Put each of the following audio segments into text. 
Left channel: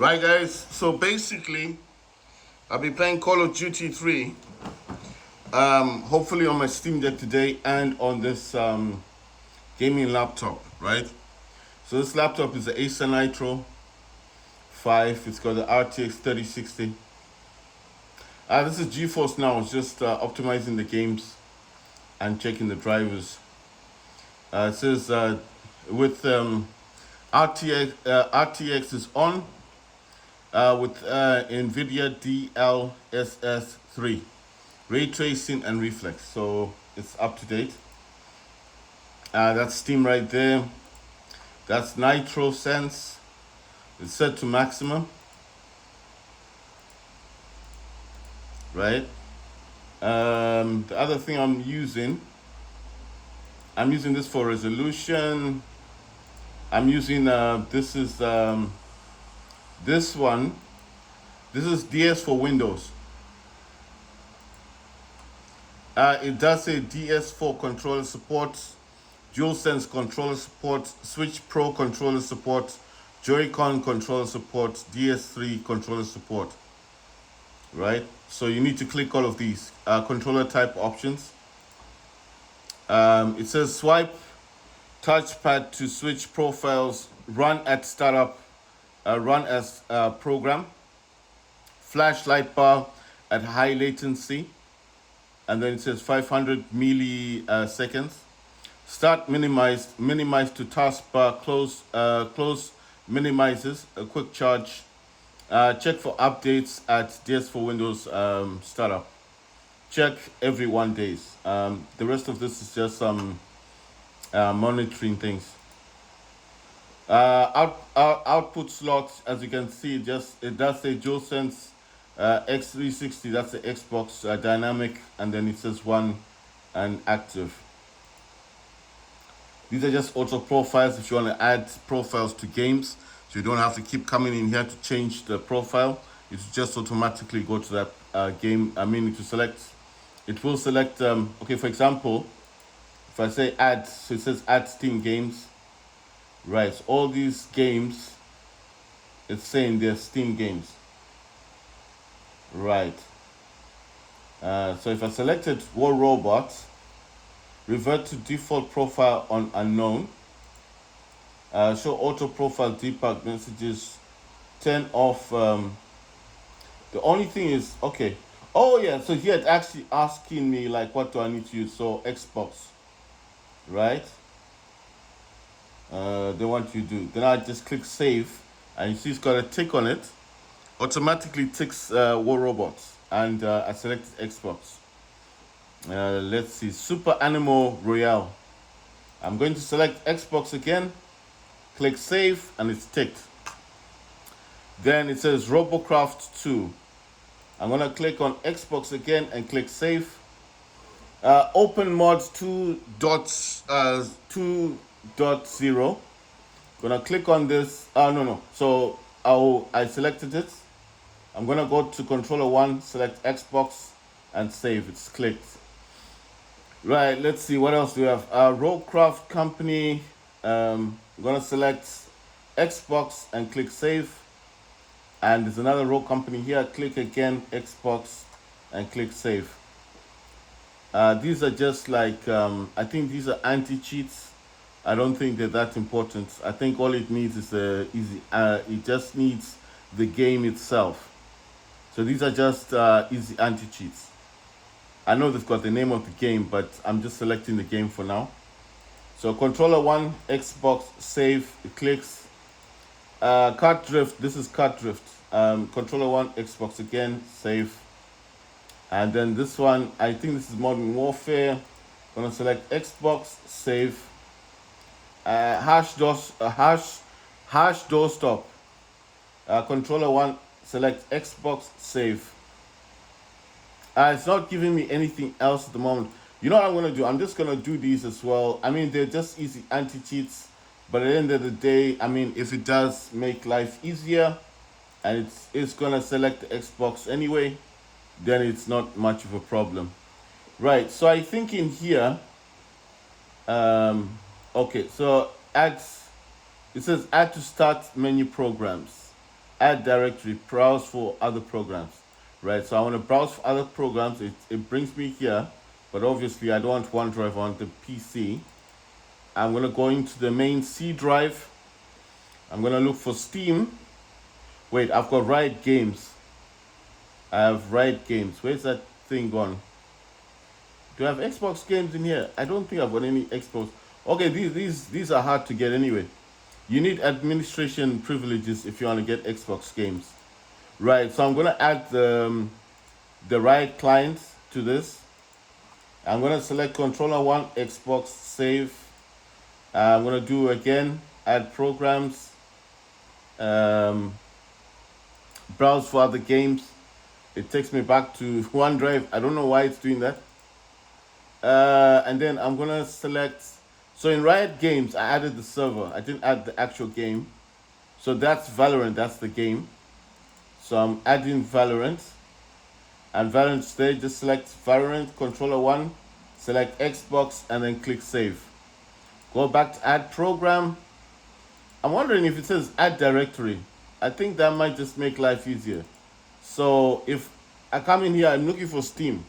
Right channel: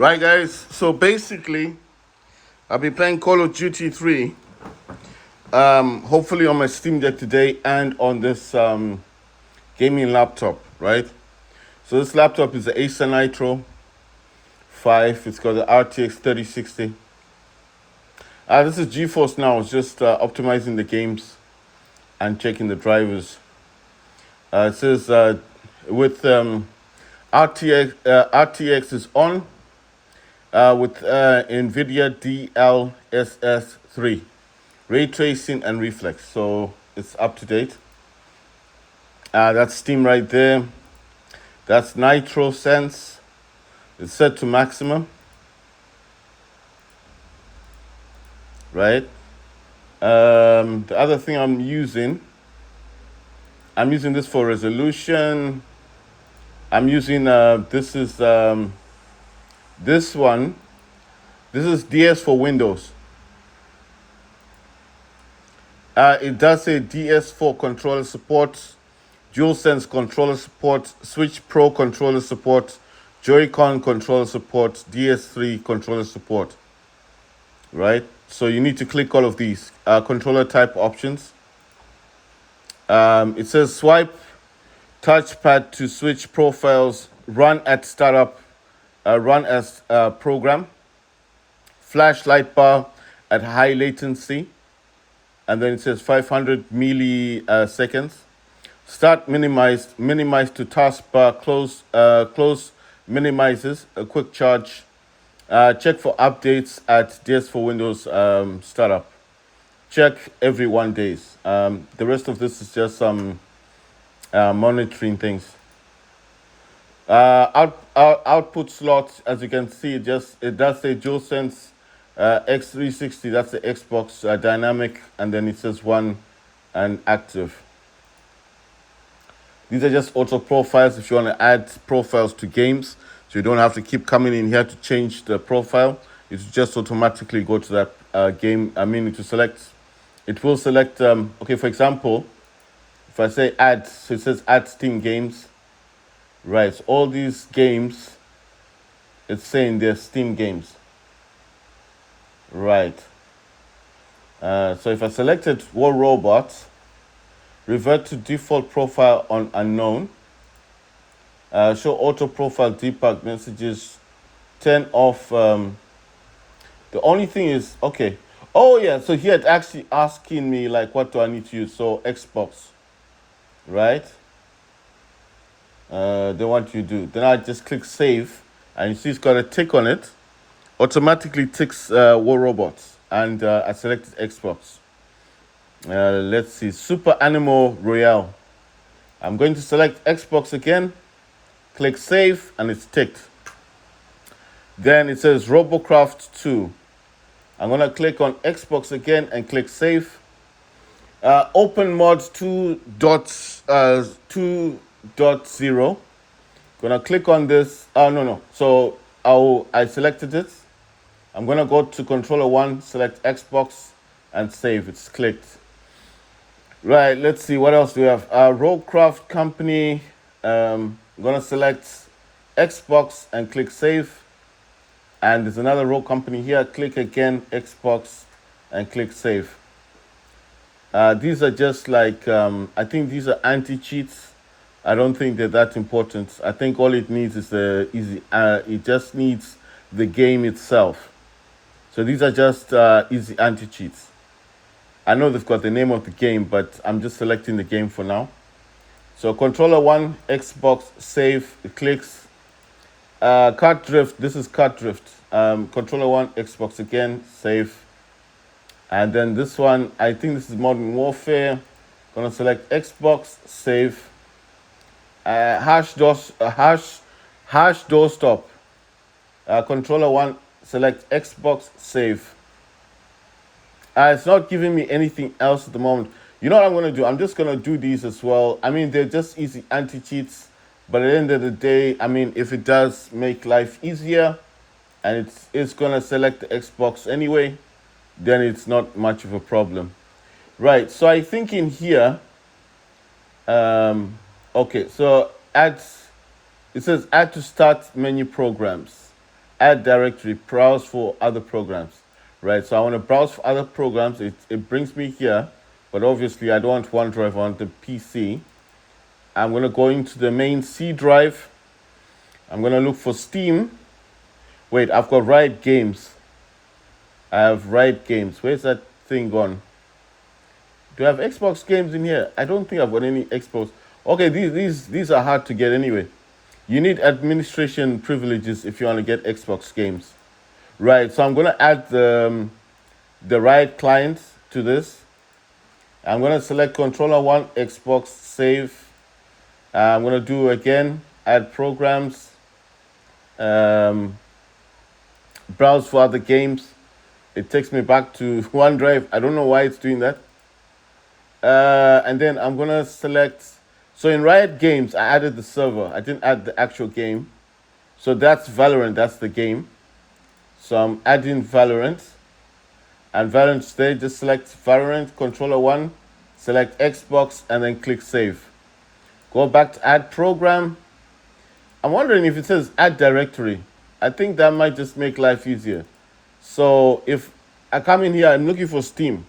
Right, guys? So basically, I'll be playing Call of Duty 3, hopefully on my Steam Deck today and on this gaming laptop, right? So this laptop is the Acer Nitro 5. It's got the RTX 3060. This is GeForce now. It's just optimizing the games and checking the drivers. It says with RTX is on. With NVIDIA DLSS3, ray tracing and reflex, so it's up to date. That's Steam right there. That's Nitro Sense. It's set to maximum, right? The other thing I'm using this for resolution. I'm using this is DS4 Windows. It does say DS4 controller support, DualSense controller support, Switch Pro controller support, Joy-Con controller support, DS3 controller support. Right? So you need to click all of these controller type options. It says swipe touchpad to switch profiles, run at startup, run as program, flashlight bar at high latency, and then it says 500 milliseconds. Start minimize to taskbar, close minimizes, a quick charge. Check for updates at DS4 Windows startup. Check every 1 day. The rest of this is just some monitoring things. Output slots, as you can see, it does say DualSense X360. That's the Xbox dynamic, and then it says one and active. These are just auto profiles if you want to add profiles to games, so you don't have to keep coming in here to change the profile. It just automatically go to that game. To select. It will select. Okay, for example, if I say add, so it says add Steam games. Right, so all these games, it's saying they're Steam games. Right. So if I selected War Robots, revert to default profile on unknown, show auto profile debug messages, turn off. The only thing is, okay. Oh yeah, so here it's actually asking me like, what do I need to use? So Xbox, right? They want you to do. Then I just click save, and you see it's got a tick on it. Automatically ticks War Robots, and I selected Xbox. Let's see, Super Animal Royale. I'm going to select Xbox again, click save, and it's ticked. Then it says Robocraft 2. I'm gonna click on Xbox again and click save. Open mods 2.0. Gonna click on this. No. So I selected it. I'm gonna go to controller 1, select Xbox, and save. It's clicked. Right. Let's see what else we have. Roguecraft Company. I'm gonna select Xbox and click save. And there's another Rogue Company here. Click again Xbox and click save. These are just like I think these are anti-cheats. I don't think they're that important. I think all it needs is it just needs the game itself. So these are just easy anti-cheats. I know they've got the name of the game, but I'm just selecting the game for now. So controller 1, Xbox, save, it clicks. Kart drift, this is kart drift. Controller 1, Xbox again, save. And then this one, I think this is Modern Warfare. Gonna select Xbox, save. Hash doorstop. Controller 1, select Xbox, save. It's not giving me anything else at the moment. You know what I'm gonna do? I'm just gonna do these as well. They're just easy anti-cheats, but at the end of the day, if it does make life easier, and it's gonna select the Xbox anyway, then it's not much of a problem. Right, so I think in here, okay, so it says add to start menu programs. add directory, browse for other programs, right? So I want to browse for other programs. It brings me here, but obviously I don't want OneDrive on the PC. I'm going to go into the main C drive. I'm going to look for Steam. Wait, I've got Riot Games. I have Riot Games. Where's that thing gone? Do I have Xbox games in here? I don't think I've got any Xbox. Okay, these are hard to get anyway. You need administration privileges if you want to get Xbox games. Right, so I'm going to add the Riot client to this. I'm going to select controller 1, Xbox, save. I'm going to do again, add programs, browse for other games. It takes me back to OneDrive. I don't know why it's doing that. And then I'm going to select. So in Riot Games, I added the server. I didn't add the actual game. So that's Valorant. That's the game. So I'm adding Valorant. And Valorant today, just select Valorant, controller 1, select Xbox, and then click save. Go back to add program. I'm wondering if it says add directory. I think that might just make life easier. So if I come in here, I'm looking for Steam.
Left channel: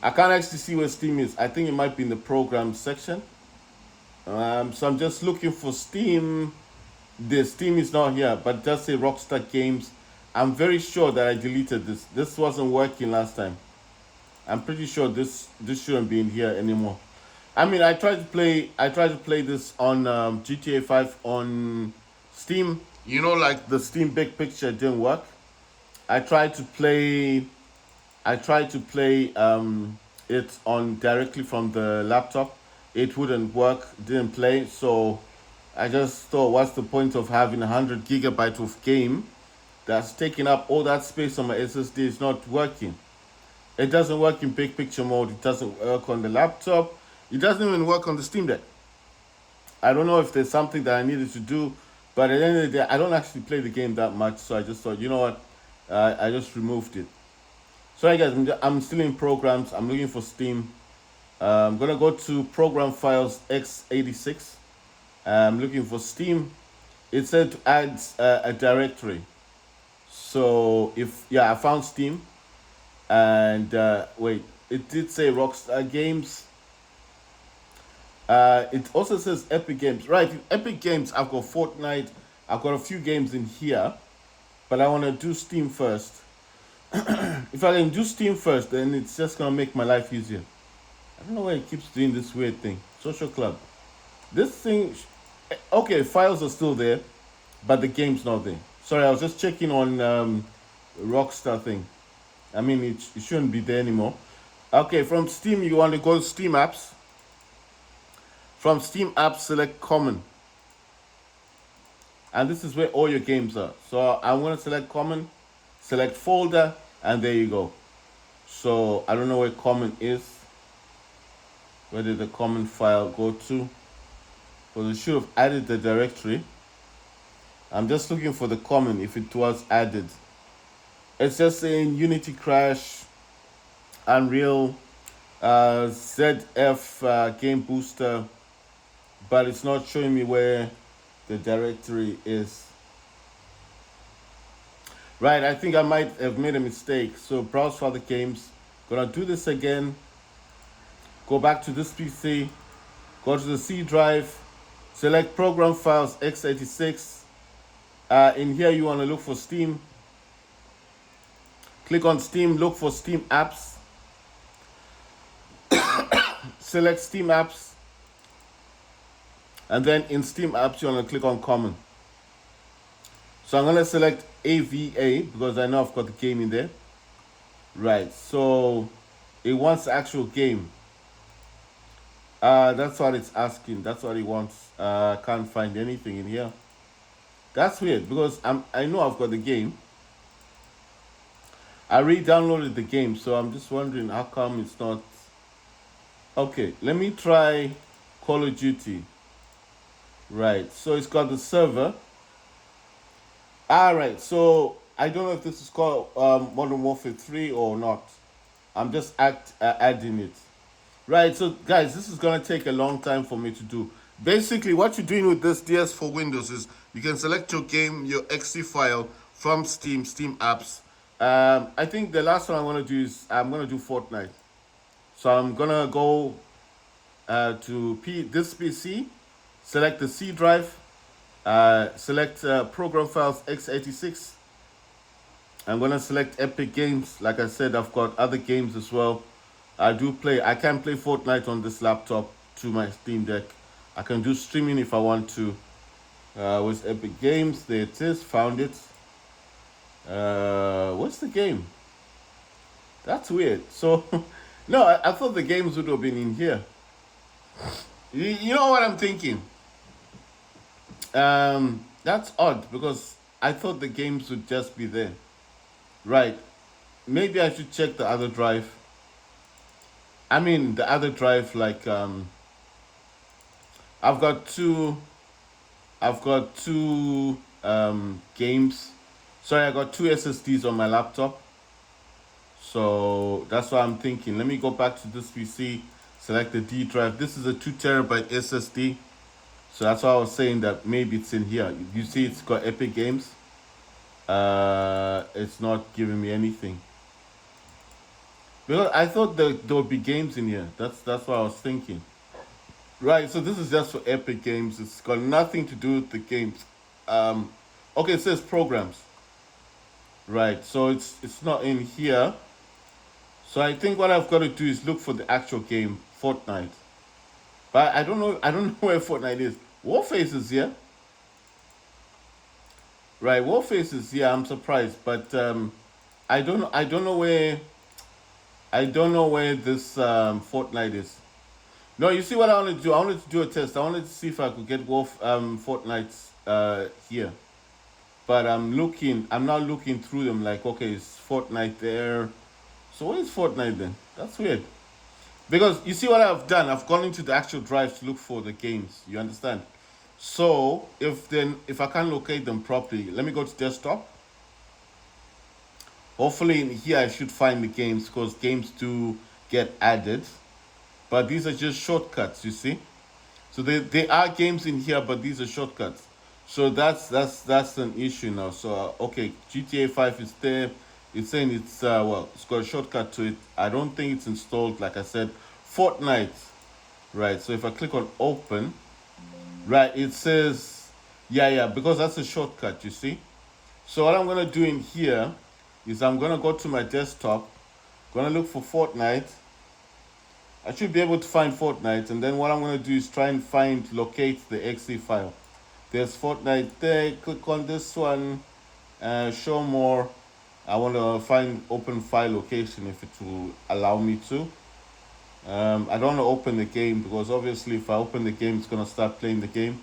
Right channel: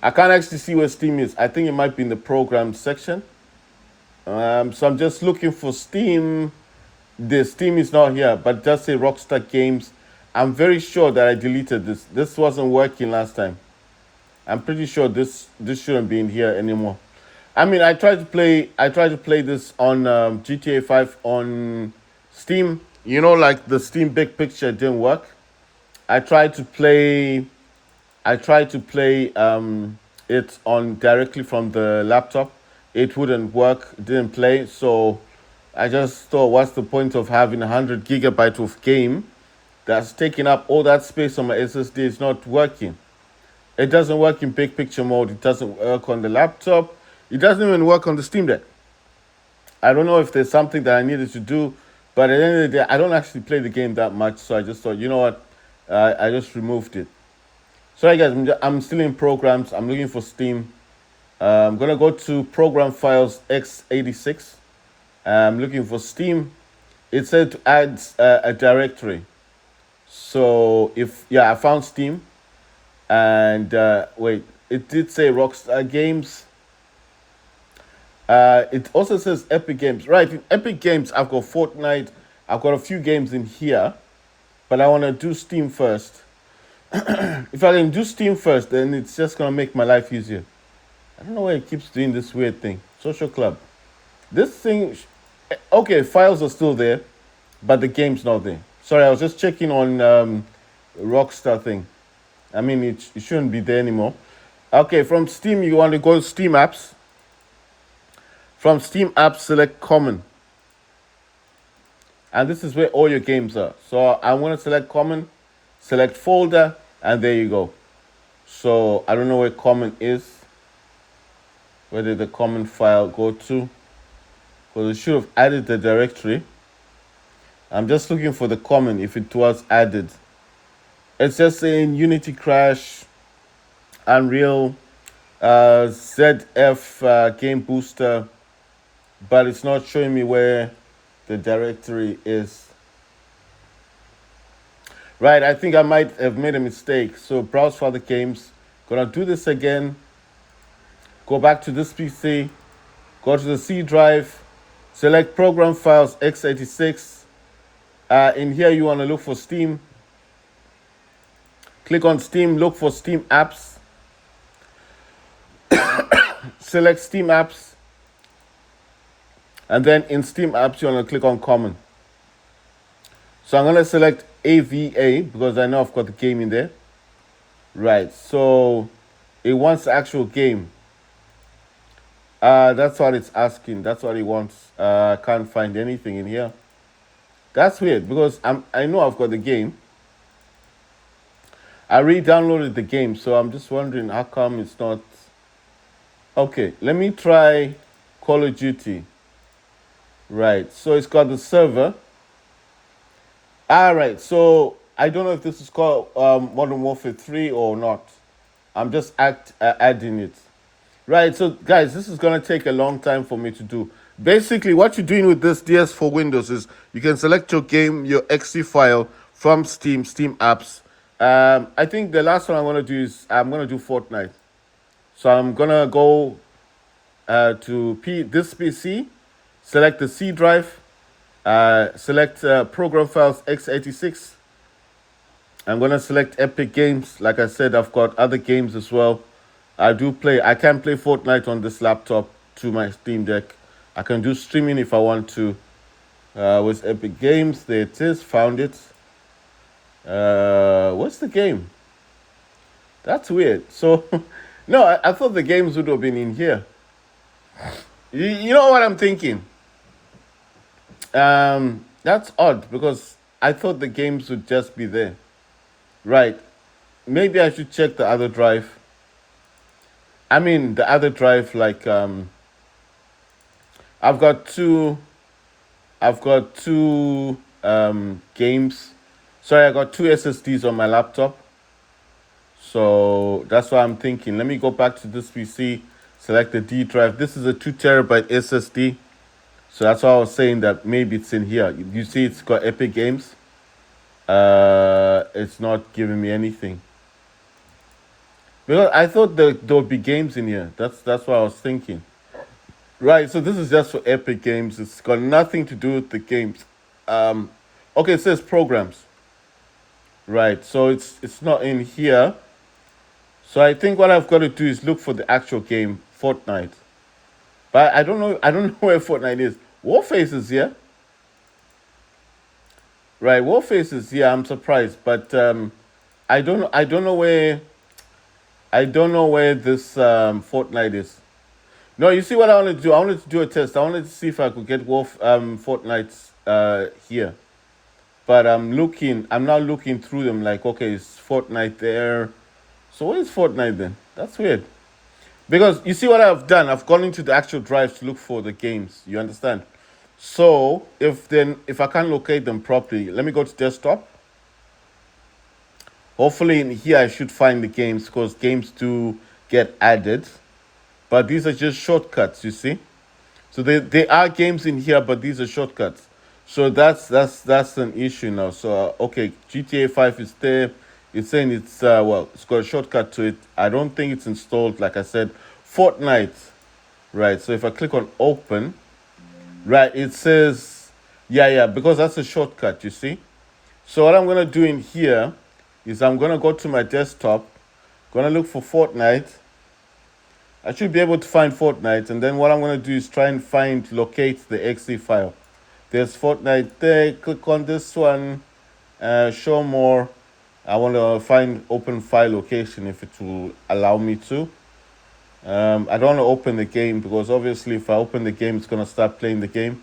I can't actually see where Steam is. I think it might be in the program section. So I'm just looking for Steam. The Steam is not here, but it does say Rockstar Games. I'm very sure that I deleted this. This wasn't working last time. I'm pretty sure this shouldn't be in here anymore. I mean, I tried to play this on GTA 5 on Steam. You know, like the Steam Big Picture didn't work. I tried to play it on directly from the laptop. It wouldn't work, didn't play. So I just thought, what's the point of having 100 gigabytes of game that's taking up all that space on my SSD? It's not working. It doesn't work in big picture mode. It doesn't work on the laptop. It doesn't even work on the Steam Deck. I don't know if there's something that I needed to do, but at the end of the day, I don't actually play the game that much. So I just thought, you know what? I just removed it. Sorry guys, I'm still in programs. I'm looking for Steam. I'm gonna go to program files x86. I'm looking for Steam. It said to add a directory. So I found Steam. And wait, it did say Rockstar Games. It also says Epic Games. Right, in Epic Games, I've got Fortnite. I've got a few games in here. But I want to do Steam first. If I can do Steam first, then it's just going to make my life easier. I don't know why it keeps doing this weird thing. Social Club. This thing... Okay, files are still there, but the game's not there. Sorry, I was just checking on Rockstar thing. I mean, it shouldn't be there anymore. Okay, from Steam, you want to go to Steam Apps. From Steam Apps, select Common. And this is where all your games are. So I'm going to select Common, select Folder, and there you go. So I don't know where Common is. Where did the Common file go to? Well, it should have added the directory. I'm just looking for the Common if it was added. It's just saying Unity Crash, Unreal, ZF Game Booster, but it's not showing me where the directory is. Right, I think I might have made a mistake. So browse for the games. Gonna do this again. Go back to this PC. Go to the C drive. Select program files x86. In here you want to look for Steam. Click on Steam, look for Steam Apps. Select Steam Apps. And then in Steam Apps, you want to click on Common. So I'm going to select AVA because I know I've got the game in there. Right, so it wants the actual game. That's what it's asking. That's what it wants. I can't find anything in here. That's weird because I know I've got the game. I re-downloaded the game, so I'm just wondering how come it's not. Okay, let me try Call of Duty. Right, so it's got the server. All right, so I don't know if this is called Modern Warfare 3 or not. I'm just adding it. Right, so guys, this is going to take a long time for me to do. Basically, what you're doing with this DS4 Windows is you can select your game, your exe file from Steam, Steam apps. I think the last one I'm gonna do is I'm gonna do Fortnite. So I'm gonna go to this PC, select the C drive, select program files x86. I'm gonna select Epic Games. Like I said, I've got other games as well. I can play Fortnite on this laptop to my Steam Deck. I can do streaming if I want to. With Epic Games, there it is, found it. What's the game? That's weird. So, no, I thought the games would have been in here. You know what I'm thinking? That's odd because I thought the games would just be there. Right. Maybe I should check the other drive. I mean, the other drive, like, I've got two, games. Sorry, I got two SSDs on my laptop. So that's why I'm thinking. Let me go back to this PC, select the D drive. This is a 2 terabyte SSD. So that's why I was saying that maybe it's in here. You see it's got Epic Games. It's not giving me anything. Because I thought there would be games in here. That's what I was thinking. Right, so this is just for Epic Games. It's got nothing to do with the games. Okay, it says programs. Right, so it's not in here. So I think what I've got to do is look for the actual game, Fortnite. But I don't know where Fortnite is. Warface is here. Right, Warface is here. I'm surprised, but I don't know where this Fortnite is. No, you see what I wanted to do? I wanted to do a test. I wanted to see if I could get Fortnite here. But I'm now looking through them like, okay, is Fortnite there? So where is Fortnite then? That's weird. Because you see what I've done? I've gone into the actual drive to look for the games. You understand? So if I can't locate them properly, let me go to desktop. Hopefully in here I should find the games because games do get added. But these are just shortcuts, you see? So there are games in here, but these are shortcuts. So that's an issue now. So okay, GTA 5 is there. It's saying it's it's got a shortcut to it. I don't think it's installed. Like I said, Fortnite, right? So if I click on open, right, it says yeah, because that's a shortcut. You see. So what I'm gonna do in here is I'm gonna go to my desktop, gonna look for Fortnite. I should be able to find Fortnite, and then what I'm gonna do is try and locate the exe file. There's Fortnite there. Click on this one, show more. I want to find open file location if it will allow me to. I don't want to open the game because obviously if I open the game, it's going to start playing the game.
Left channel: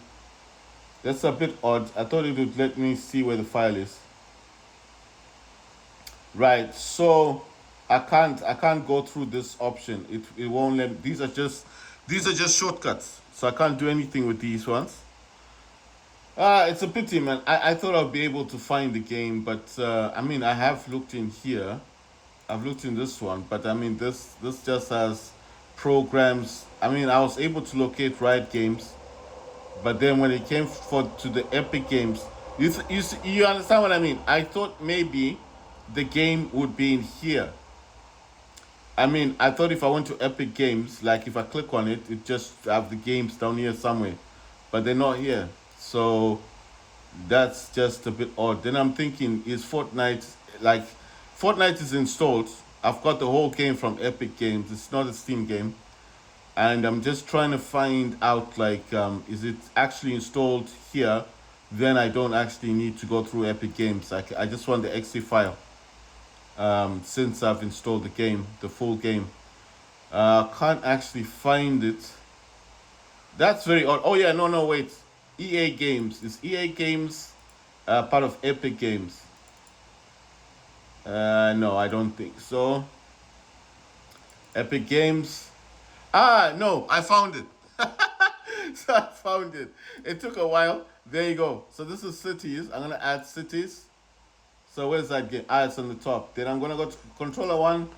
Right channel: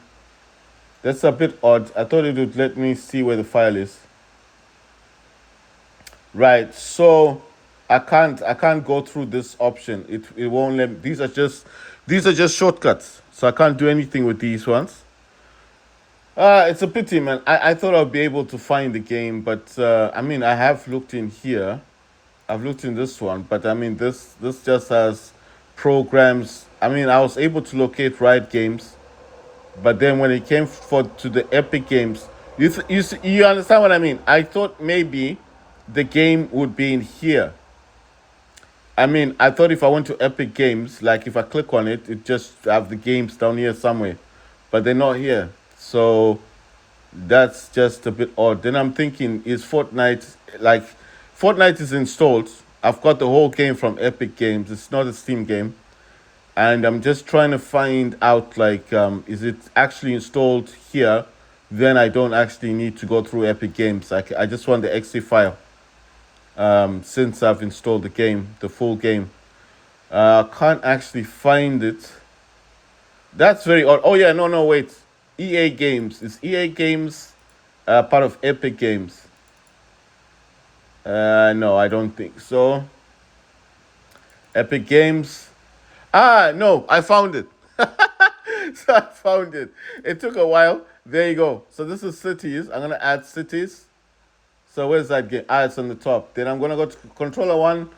That's a bit odd. I thought it would let me see where the file is. Right, so I can't go through this option. It won't let me. These are just shortcuts. So I can't do anything with these ones. It's a pity, man. I thought I'd be able to find the game, but I mean, I have looked in here. I've looked in this one, but I mean, this just has programs. I mean, I was able to locate Riot Games, but then when it came to the Epic Games, you understand what I mean? I thought maybe the game would be in here. I mean, I thought if I went to Epic Games, like if I click on it, it just have the games down here somewhere, but they're not here. So that's just a bit odd. Then I'm thinking, is Fortnite, like, Fortnite is installed. I've got the whole game from Epic Games. It's not a Steam game. And I'm just trying to find out, like, is it actually installed here? Then I don't actually need to go through Epic Games. I just want the exe file. Since I've installed the game, the full game. Can't actually find it. That's very odd. Oh yeah, no, wait. EA Games. Is EA Games part of Epic Games? No, I don't think so. Epic Games. No, I found it. So I found it. It took a while. There you go. So this is cities. I'm gonna add cities. So where's that game? It's on the top. Then I'm gonna go to controller 1.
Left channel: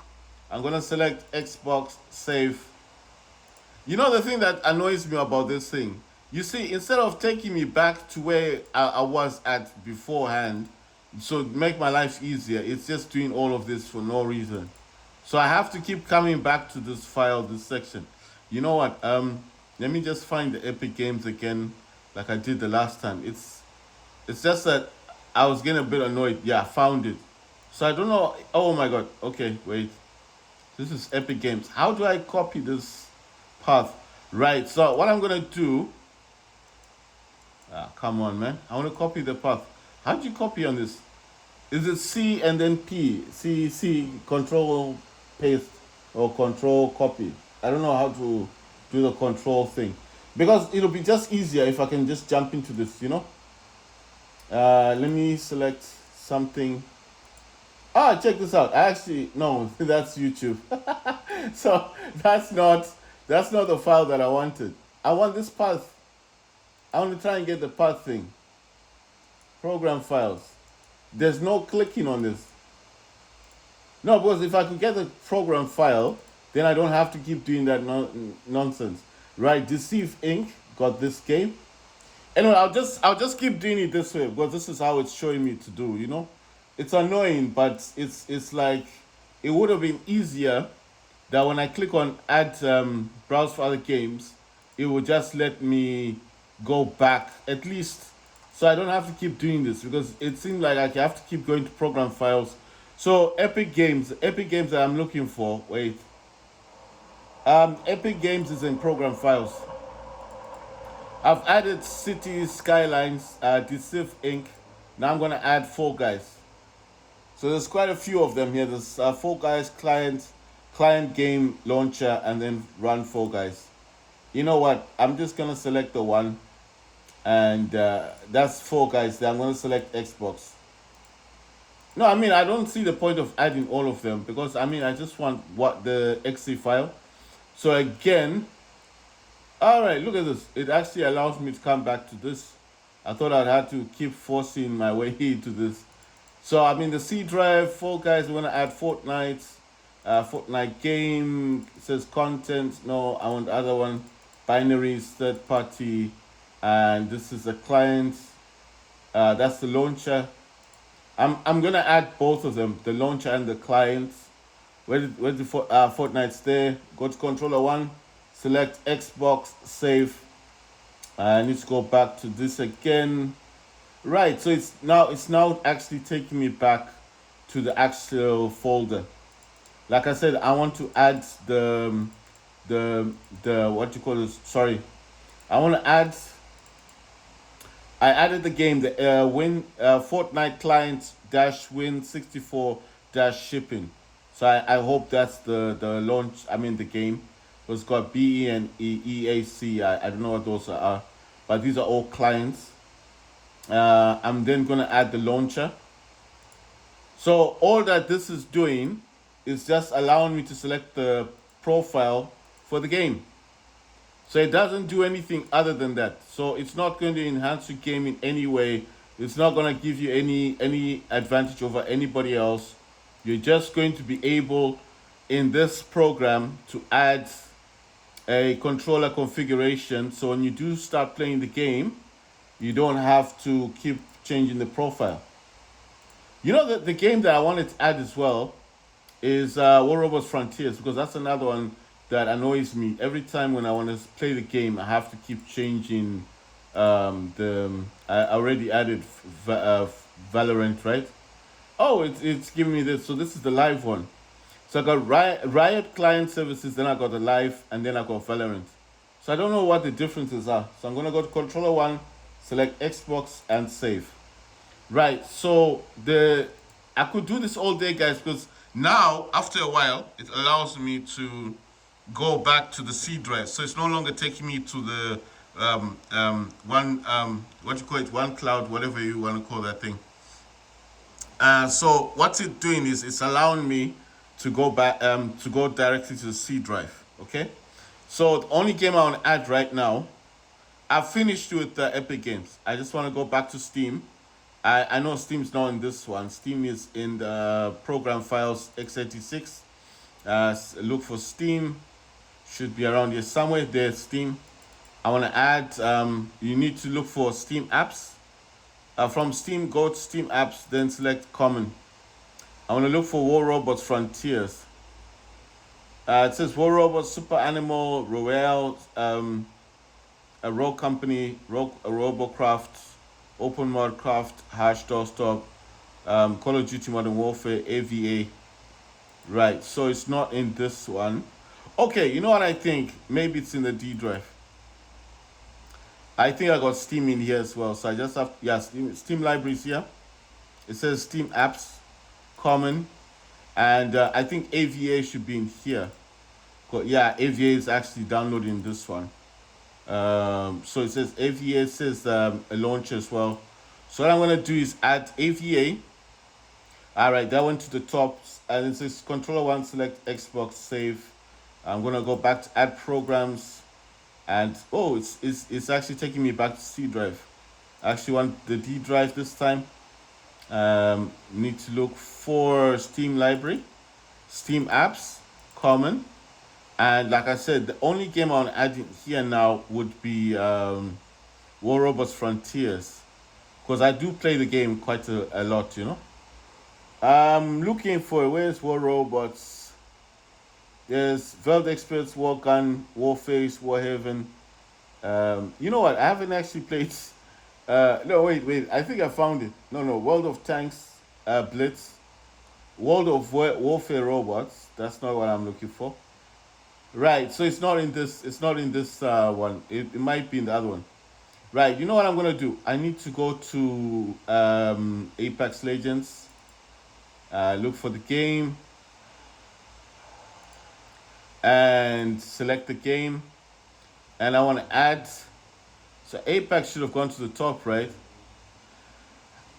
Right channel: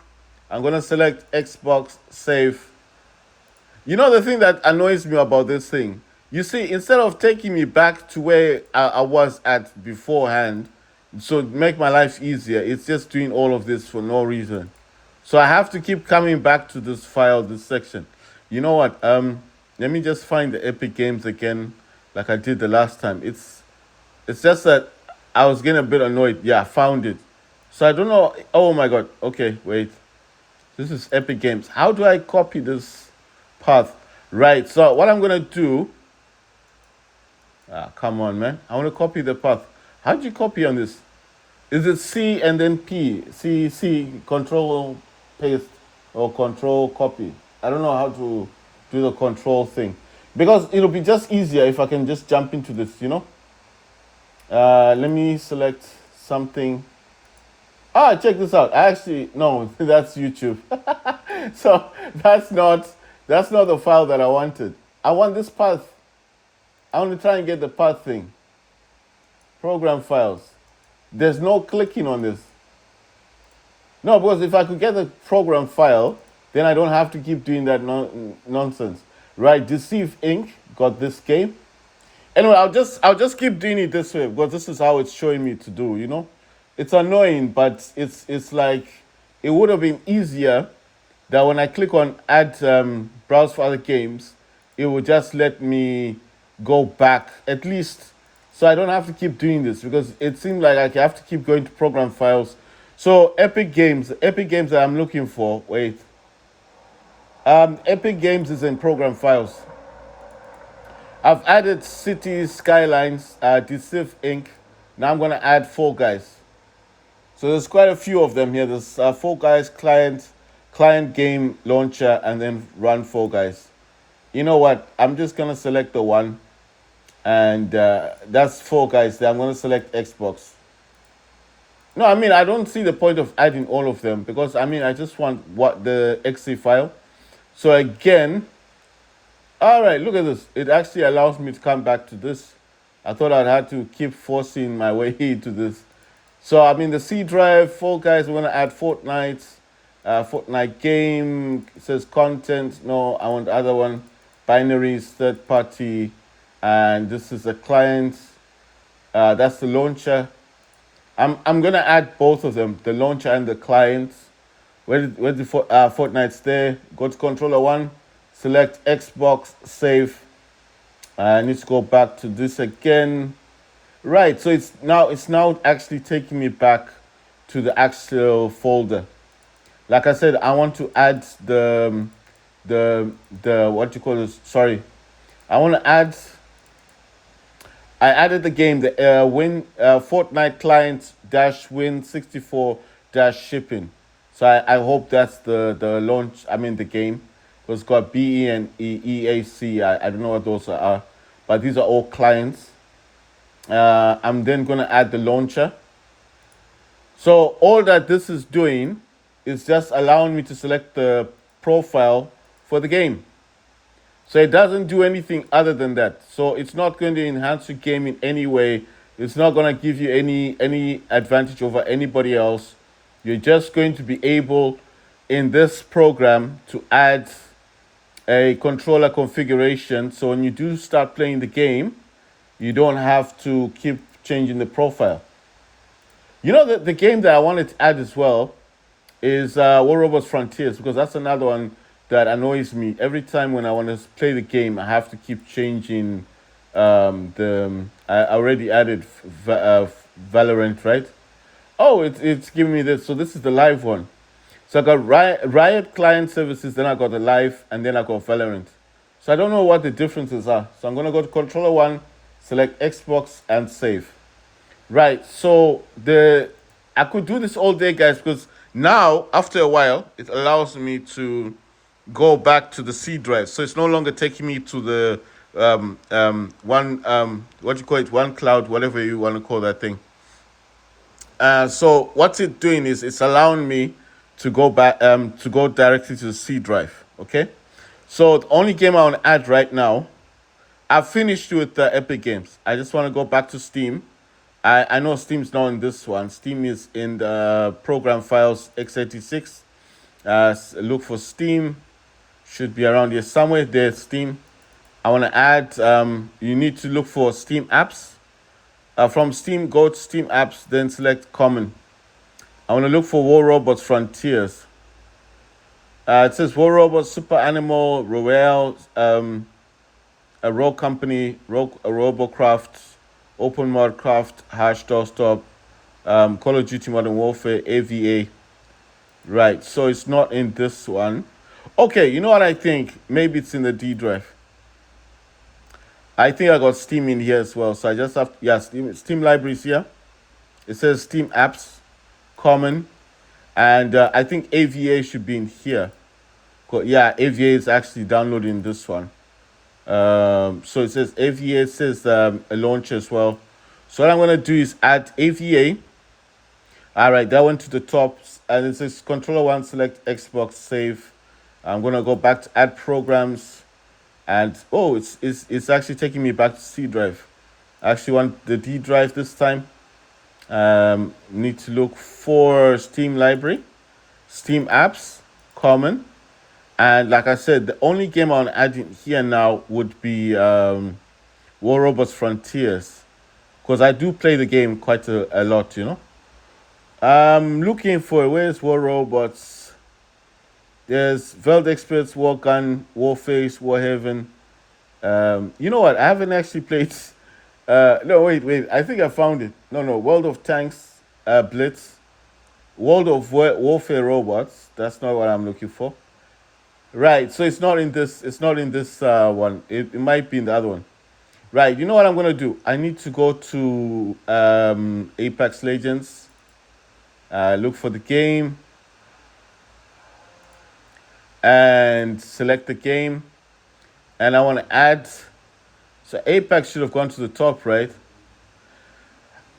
I'm gonna select Xbox, save. You know the thing that annoys me about this thing You see, instead of taking me back to where I was at beforehand, so make my life easier, it's just doing all of this for no reason. So I have to keep coming back to this file, this section. You know what? Let me just find the Epic Games again, like I did the last time. It's just that I was getting a bit annoyed. Yeah, I found it. So I don't know. Oh my god. Okay, wait. This is Epic Games. How do I copy this path? Right. So what I'm gonna do? Ah, come on, man. I want to copy the path. How do you copy on this? Is it C and then P? C, control paste or control copy? I don't know how to do the control thing. Because it'll be just easier if I can just jump into this, you know? Let me select something. Ah, check this out. I actually, no, that's YouTube. So that's not the file that I wanted. I want this path. I want to try and get the path thing. Program files. There's no clicking on this. No, because if I could get the program file, then I don't have to keep doing that nonsense. Right, Deceive Inc. got this game. Anyway, I'll just keep doing it this way because this is how it's showing me to do, you know? It's annoying, but it's like it would have been easier that when I click on add browse for other games, it would just let me go back at least so I don't have to keep doing this because it seemed like I have to keep going to program files. So Epic Games that I'm looking for, wait. Epic Games is in program files. I've added Cities, Skylines, Deceive Inc. Now I'm gonna add Fall Guys. So there's quite a few of them here. There's Fall Guys client game launcher, and then run Fall Guys. You know what? I'm just gonna select the one, and that's Fall Guys. There, I'm gonna select Xbox. No, I mean I don't see the point of adding all of them because I mean I just want what the exe file. So again, all right, look at this. It actually allows me to come back to this. I thought I'd had to keep forcing my way into this. So I mean the C drive, Fall Guys, we want to add Fortnite. Fortnite game, it says content. No, I want the other one. Binaries, third party. And this is the client. That's the launcher. I'm gonna add both of them, the launcher and the client. Where the Fortnite's there. Go to controller one, select Xbox, save. I need to go back to this again. Right, so it's now actually taking me back to the actual folder. Like I said, I want to add the what you call this? Sorry, I want to add. I added the game, the Fortnite client dash win 64 dash shipping. So I hope that's the launch. I mean the game. It's got BE and EAC. I don't know what those are, but these are all clients. I'm then gonna add the launcher. So all that this is doing is just allowing me to select the profile for the game. So it doesn't do anything other than that. So it's not going to enhance your game in any way. It's not going to give you any advantage over anybody else. You're just going to be able in this program to add a controller configuration. So when you do start playing the game, you don't have to keep changing the profile. You know the game that I wanted to add as well is War Robots Frontiers because that's another one that annoys me. Every time when I want to play the game, I have to keep changing I already added Valorant, right? Oh, it's giving me this. So this is the live one. So I got Riot Client Services, then I got the live, and then I got Valorant. So I don't know what the differences are. So I'm going to go to controller one, select Xbox, and save. Right, so I could do this all day, guys, because now, after a while, it allows me to go back to the C drive. So it's no longer taking me to the what you call it, one cloud, whatever you want to call that thing. So what it's doing is it's allowing me to go back to go directly to the C drive. Okay, so the only game I want to add right now, I've finished with Epic Games. I just want to go back to Steam. I know Steam's not in this one. Steam is in the program files x86. Look for Steam. Should be around here somewhere. There's Steam. I want to add, you need to look for Steam apps. From Steam, go to Steam apps, then select common. I want to look for War Robots Frontiers. It says War Robots, Super Animal, Royale, a Rogue Company, a Robocraft, Open Modcraft, Hash Doorstop, Call of Duty Modern Warfare, AVA. Right, so it's not in this one. Okay, you know what I think? Maybe it's in the D drive. I think I got Steam in here as well. So I just have, yeah, Steam libraries here. It says Steam apps, common. And I think AVA should be in here. Yeah, AVA is actually downloading this one. So it says AVA, says a launcher as well. So what I'm going to do is add AVA. All right, that went to the top. And it says controller one, select Xbox, save. I'm going to go back to add programs. And oh, it's actually taking me back to C drive. I actually want the D drive this time. Need to look for Steam library, Steam apps, common. And like I said, the only game I want to add in here now would be War Robots Frontiers. Because I do play the game quite a lot, you know. I'm looking for, where's War Robots? There's Veld Experts, War Gun, Warface, Warhaven. You know what? I haven't actually played. No, wait. I think I found it. No. World of Tanks, Blitz, World of Warfare Robots. That's not what I'm looking for. Right. So it's not in this. It's not in this one. It might be in the other one. Right. You know what I'm gonna do? I need to go to Apex Legends. Look for the game. And select the game. And I want to add. So Apex should have gone to the top, right?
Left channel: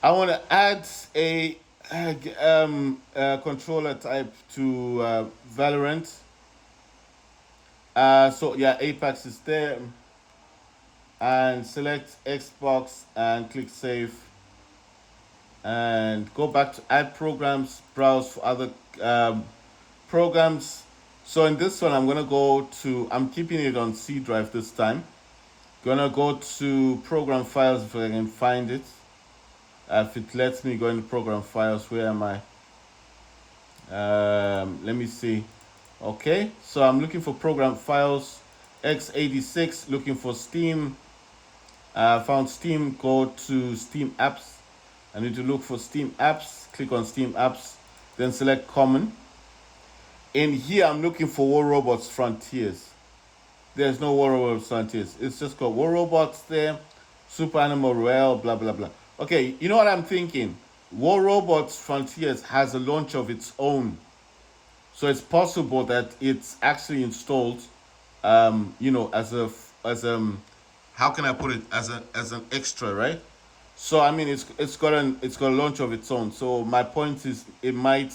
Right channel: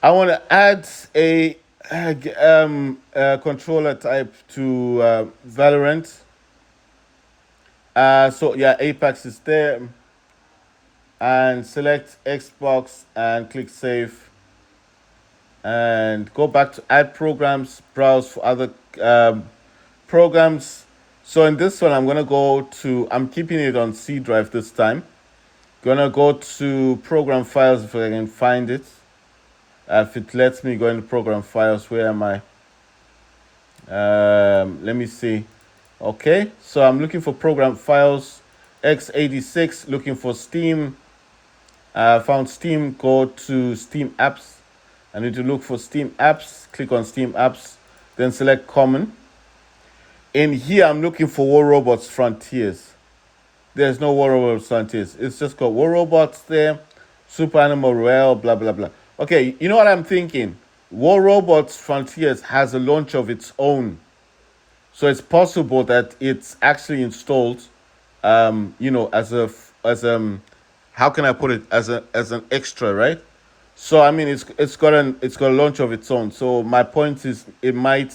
I want to add a controller type to Valorant. So yeah, Apex is there. And select Xbox and click save. And go back to add programs, browse for other programs. So in this one, I'm going to go to, I'm keeping it on C drive this time. Gonna go to program files if I can find it. If it lets me go into program files, where am I? Let me see. Okay, so I'm looking for program files, x86, looking for Steam. Found Steam, go to Steam apps. I need to look for Steam apps, click on Steam apps, then select common. In here, I'm looking for War Robots Frontiers. There's no War Robots Frontiers. It's just got War Robots there, Super Animal Royale, blah, blah, blah. Okay, you know what I'm thinking? War Robots Frontiers has a launch of its own. So it's possible that it's actually installed, you know, how can I put it, as an extra, right? So I mean, it's got a launch of its own. So my point is, it might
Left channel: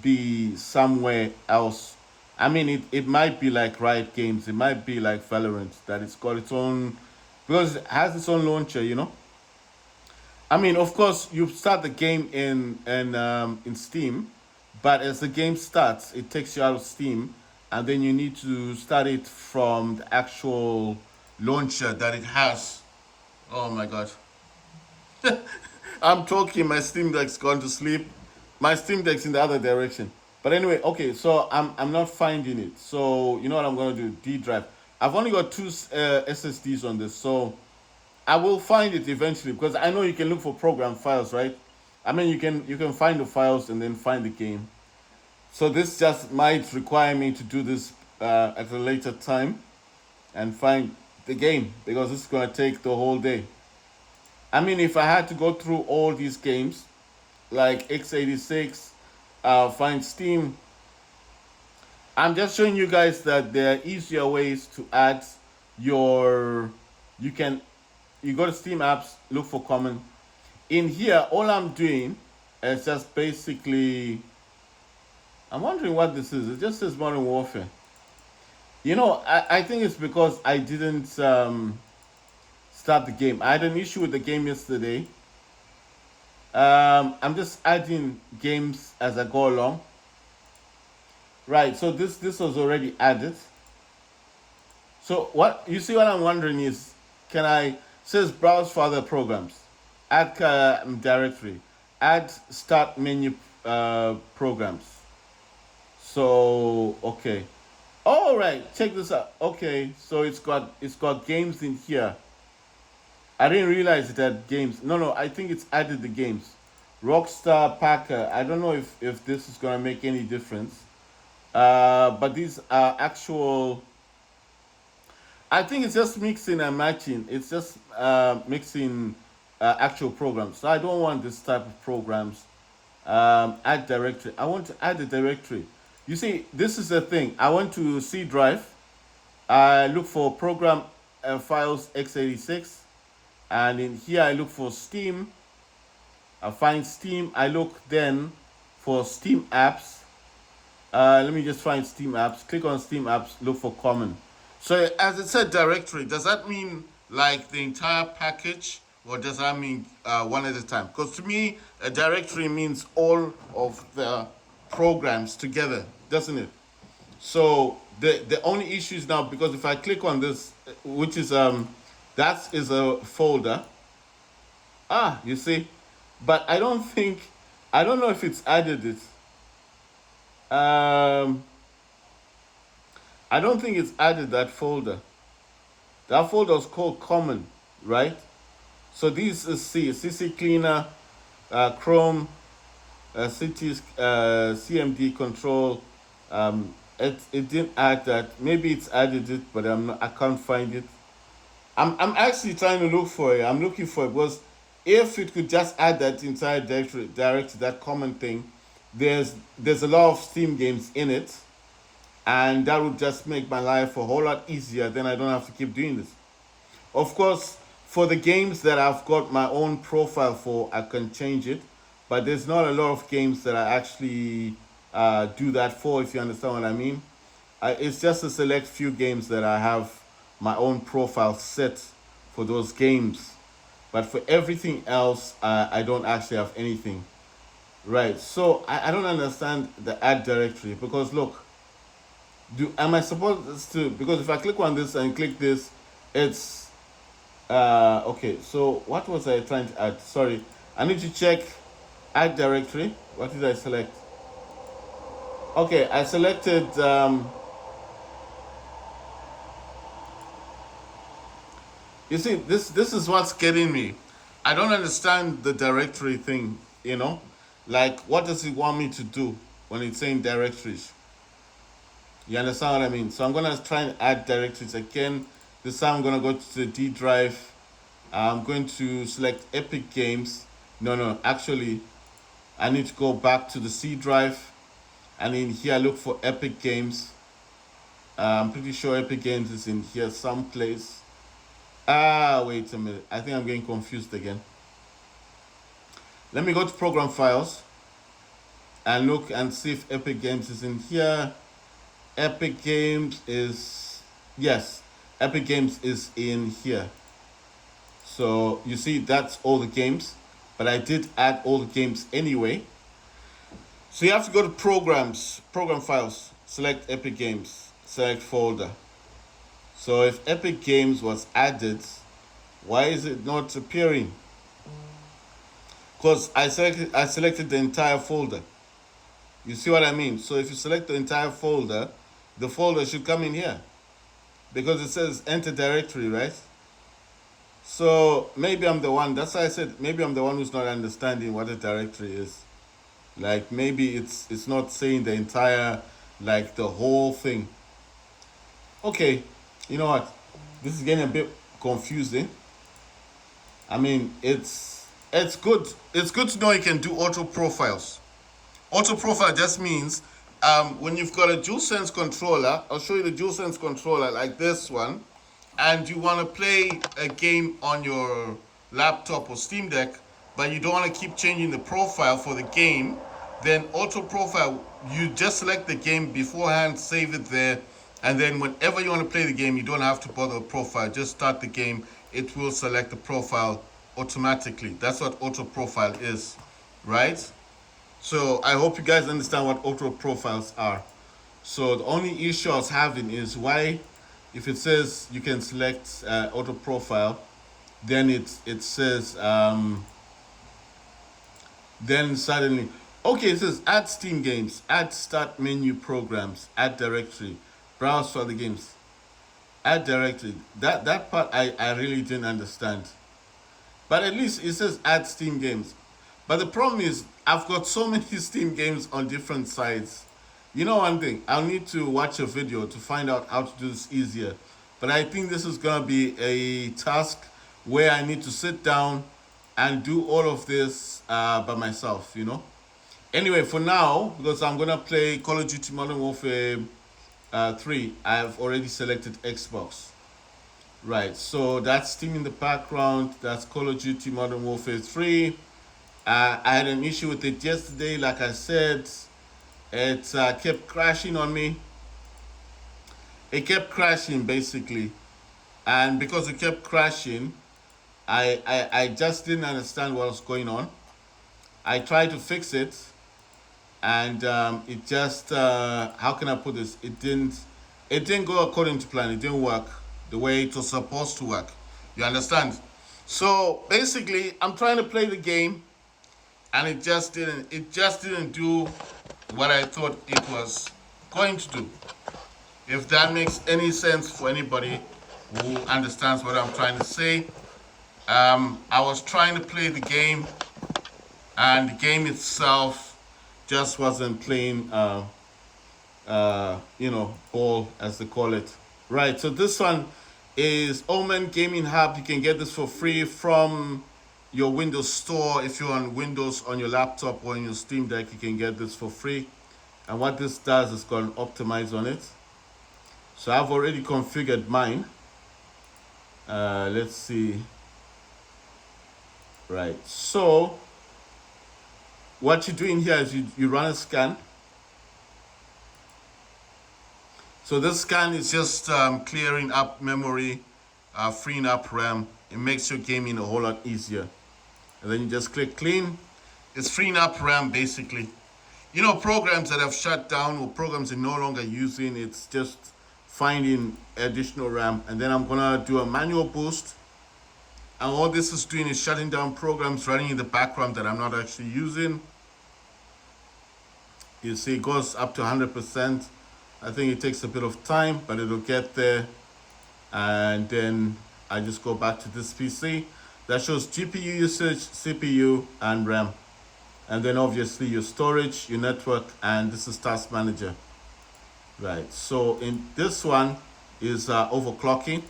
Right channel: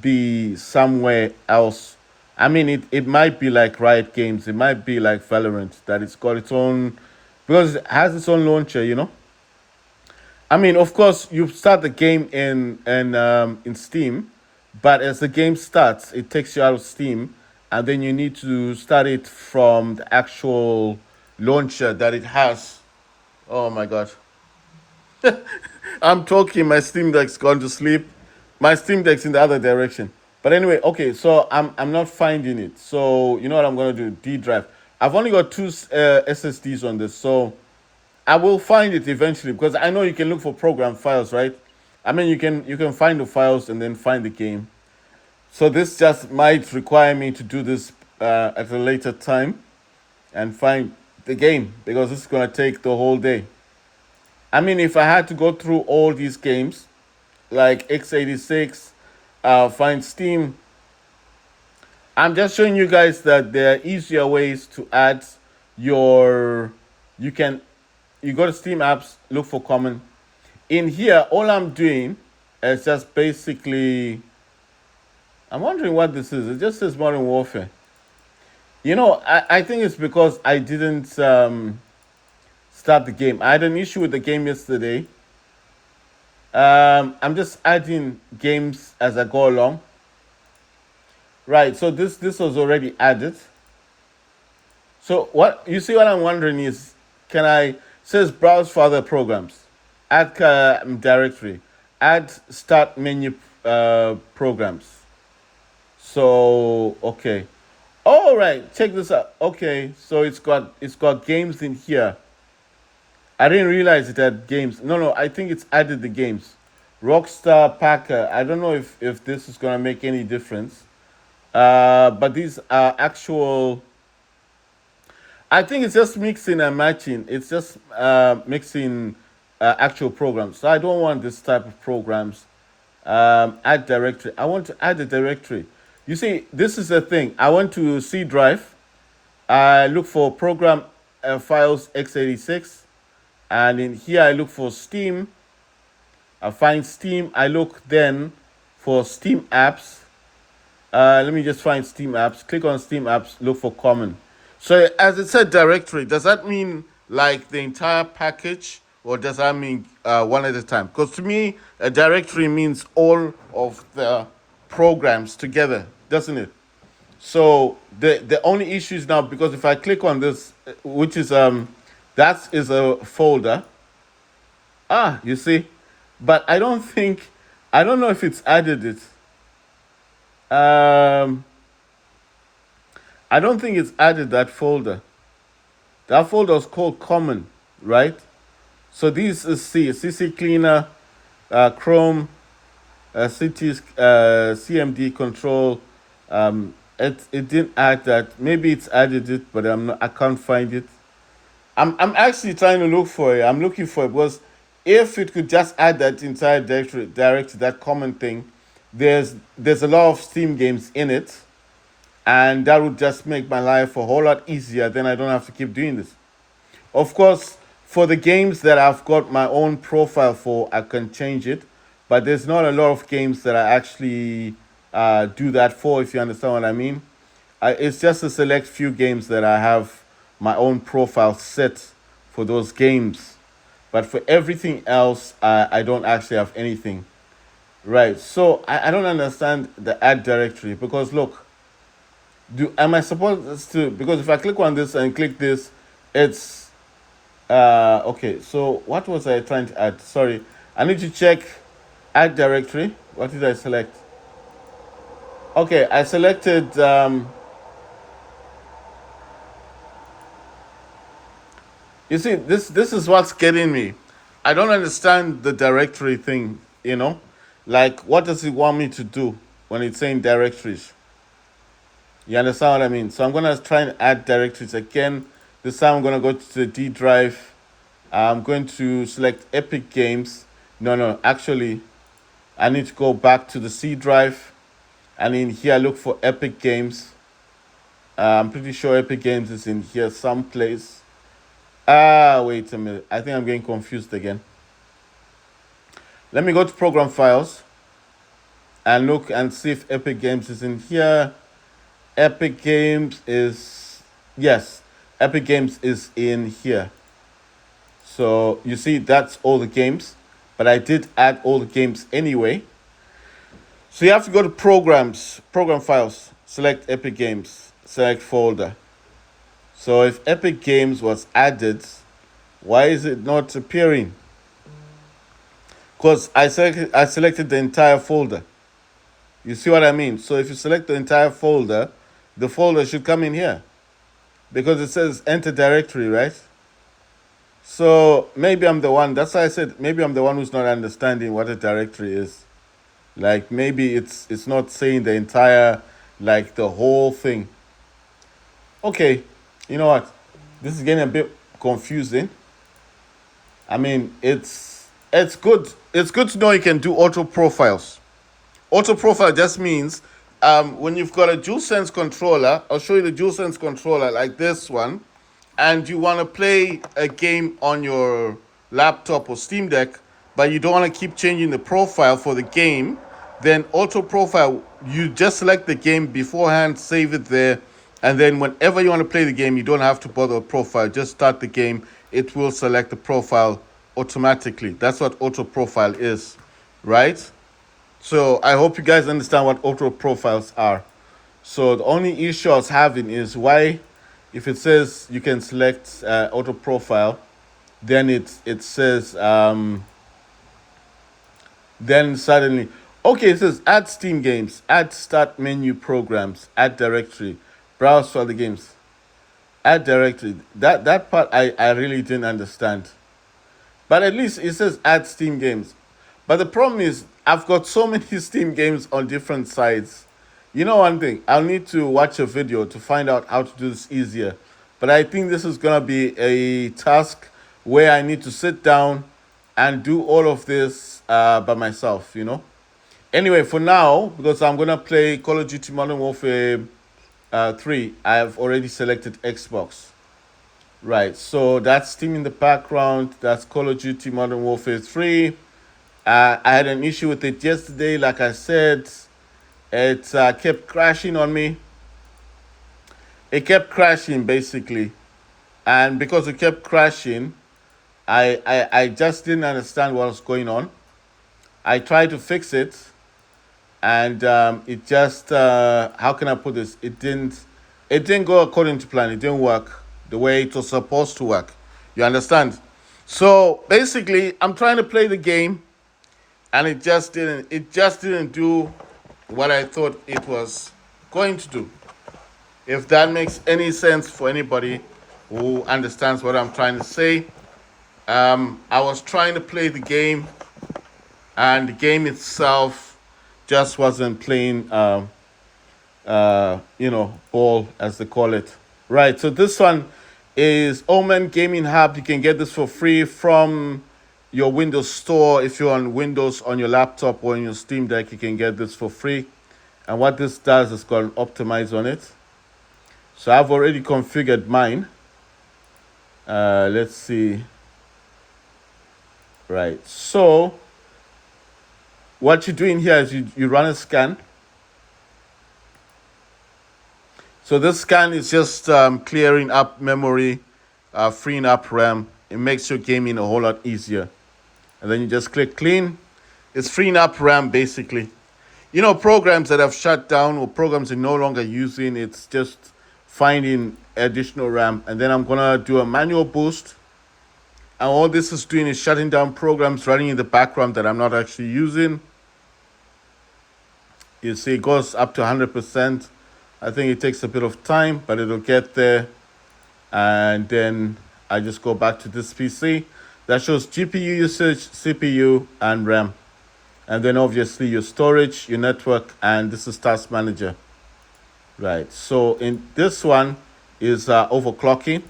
be somewhere else. I mean, it might be like Riot Games. It might be like Valorant, that it's got its own, because it has its own launcher, you know. I mean, of course, you start the game in Steam, but as the game starts, it takes you out of Steam, and then you need to start it from the actual launcher that it has. Oh my god. I'm talking, my Steam Deck's gone to sleep. My Steam Deck's in the other direction. But anyway, okay, so I'm not finding it. So you know what I'm gonna do? D drive. I've only got two SSDs on this, so I will find it eventually, because I know you can look for program files, right? I mean, you can find the files and then find the game. So this just might require me to do this at a later time and find the game, because this is gonna take the whole day. I mean, if I had to go through all these games, like x86, find Steam, I'm just showing you guys that there are easier ways to add your, you can, you go to Steam apps, look for common. In here, all I'm doing is just basically, I'm wondering what this is. It just says Modern Warfare. You know, I think it's because I didn't start the game. I had an issue with the game yesterday. I'm just adding games as I go along. Right, so this was already added. So what you see, what I'm wondering is, can I says browse for other programs, add directory, add start menu programs. So okay, all right, check this out. Okay, so it's got games in here. I didn't realize it had games. No, no, I think it's added the games. Rockstar Packer. I don't know if this is gonna make any difference. But these are actual. I think it's just mixing and matching. It's just mixing actual programs. So I don't want this type of programs. Add directory. I want to add a directory. You see, this is the thing. I want to C drive. I look for program files x86, and in here I look for Steam. I find Steam. I look then for Steam apps. Let me just find Steam apps. Click on Steam apps. Look for common. So as it said directory, does that mean like the entire package, or does that mean one at a time? Because to me, a directory means all of the programs together, doesn't it? So the only issue is now, because if I click on this, which is that is a folder. You see, but I don't know if it's added it. I don't think it's added that folder. That folder is called common, right? So this is CC cleaner, Chrome, CT, CMD control. It didn't add that. Maybe it's added it, but I can't find it. I'm actually trying to look for it. I'm looking for it because if it could just add that entire directory, that common thing, there's a lot of Steam games in it, and that would just make my life a whole lot easier. Then I don't have to keep doing this. Of course, for the games that I've got my own profile for, I can change it, but there's not a lot of games that I actually do that for, if you understand what I mean. It's just a select few games that I have my own profile set for those games. But for everything else, I don't actually have anything. Right, so I don't understand the add directory, because look, am I supposed to, because if I click on this and click this, it's okay. So what was I trying to add? Sorry, I need to check add directory. What did I select? Okay, I selected you see, this is what's getting me. I don't understand the directory thing, like what does it want me to do when it's saying directories? You understand what I mean? So I'm gonna try and add directories again. This time I'm gonna go to the D drive. I'm going to select Epic Games. No, actually, I need to go back to the C drive, and in here look for Epic Games. I'm pretty sure Epic Games is in here someplace. Wait a minute. I think I'm getting confused again. Let me go to program files and look and see if Epic Games is in here. Epic Games is, yes, Epic Games is in here. So you see, that's all the games, but I did add all the games anyway. So you have to go to programs, program files, select Epic Games, select folder. So if Epic Games was added, why is it not appearing? Because I selected the entire folder. You see what I mean? So if you select the entire folder, the folder should come in here, because it says enter directory, right? So maybe I'm the one. That's why I said maybe I'm the one who's not understanding what a directory is. Like maybe it's not saying the entire, like the whole thing. Okay, you know what? This is getting a bit confusing. I mean, it's good. It's good to know you can do auto profiles. Auto profile just means when you've got a DualSense controller, I'll show you the DualSense controller like this one, and you want to play a game on your laptop or Steam Deck, but you don't want to keep changing the profile for the game, then auto profile, you just select the game beforehand, save it there, and then whenever you want to play the game, you don't have to bother with profile. Just start the game. It will select the profile automatically. That's what auto profile is, right? So I hope you guys understand what auto profiles are. So the only issue I was having is why if it says you can select auto profile, then it says then suddenly, okay, it says add Steam games, add start menu programs, add directory, browse for the games, add directory. That part I really didn't understand. But at least it says add Steam games. But the problem is I've got so many Steam games on different sites. You know one thing, I'll need to watch a video to find out how to do this easier. But I think this is gonna be a task where I need to sit down and do all of this by myself, you know. Anyway, for now, because I'm gonna play Call of Duty Modern Warfare 3, I've already selected Xbox. Right, so that's Steam in the background. That's Call of Duty Modern Warfare 3. I had an issue with it yesterday, like I said. It kept crashing on me. It kept crashing, basically. And because it kept crashing, I just didn't understand what was going on. I tried to fix it, and it just, how can I put this? It didn't go according to plan. It didn't work the way it was supposed to work. You understand? So basically, I'm trying to play the game, and it just didn't do what I thought it was going to do. If that makes any sense for anybody who understands what I'm trying to say. I was trying to play the game, and the game itself just wasn't playing, ball, as they call it. Right, so this one is Omen Gaming Hub. You can get this for free from your Windows store. If you're on Windows on your laptop or on your Steam Deck, you can get this for free. And what this does is got an optimize on it. So I've already configured mine. Let's see. Right, so what you're doing here is you run a scan. So this scan is just clearing up memory, freeing up RAM. It makes your gaming a whole lot easier. And then you just click clean. It's freeing up RAM, basically. You know, programs that have shut down or programs you're no longer using, it's just finding additional RAM. And then I'm gonna do a manual boost. And all this is doing is shutting down programs running in the background that I'm not actually using. You see it goes up to 100%. I think it takes a bit of time, but it'll get there. And then I just go back to this PC. That shows GPU usage, CPU, and RAM. And then obviously your storage, your network, and this is Task Manager. Right, so in this one is overclocking.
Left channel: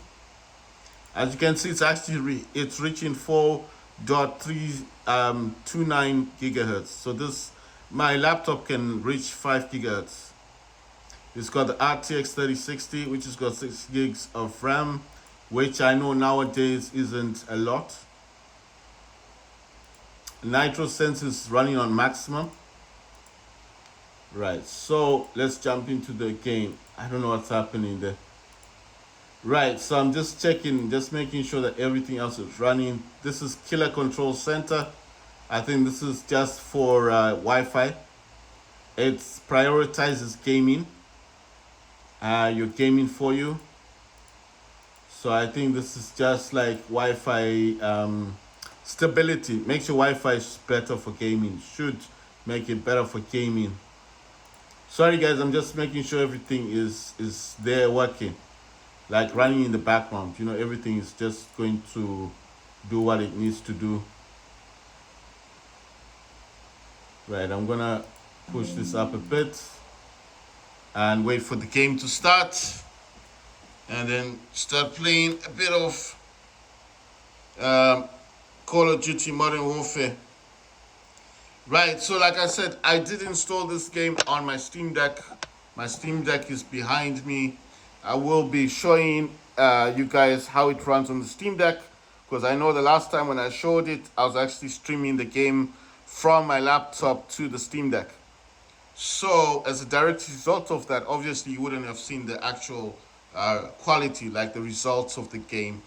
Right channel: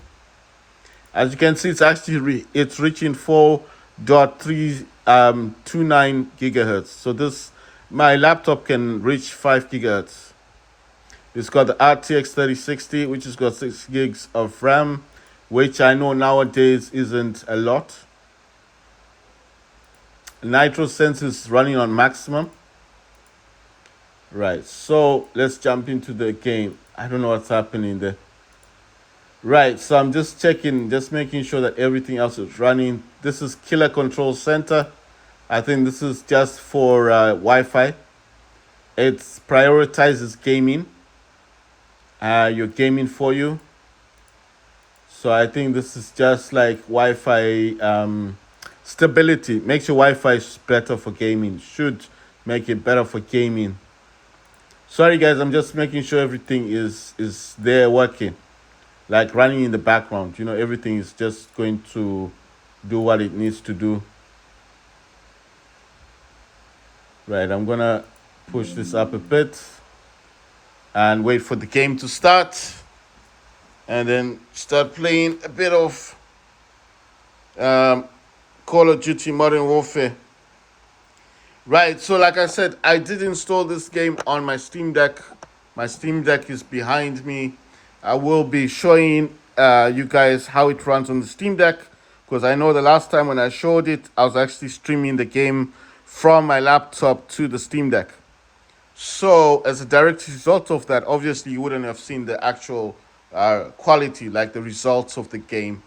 As you can see, it's actually it's reaching 4.329 gigahertz. So my laptop can reach 5 gigahertz. It's got the RTX 3060, which has got 6 gigs of RAM, which I know nowadays isn't a lot. Nitro Sense is running on maximum. Right, so let's jump into the game. I don't know what's happening there. Right, so I'm just checking, just making sure that everything else is running. This is Killer Control Center. I think this is just for Wi-Fi. It prioritizes gaming. Your gaming for you. So I think this is just like Wi-Fi stability. Makes your Wi-Fi better for gaming. Should make it better for gaming. Sorry guys, I'm just making sure everything is there working. Like running in the background, you know, everything is just going to do what it needs to do. Right, I'm gonna push this up a bit and wait for the game to start, and then start playing a bit of Call of Duty Modern Warfare. Right, so like I said, I did install this game on my Steam Deck. My Steam Deck is behind me. I will be showing you guys how it runs on the Steam Deck, because I know the last time when I showed it, I was actually streaming the game from my laptop to the Steam Deck. So as a direct result of that, obviously you wouldn't have seen the actual quality, like the results of the game.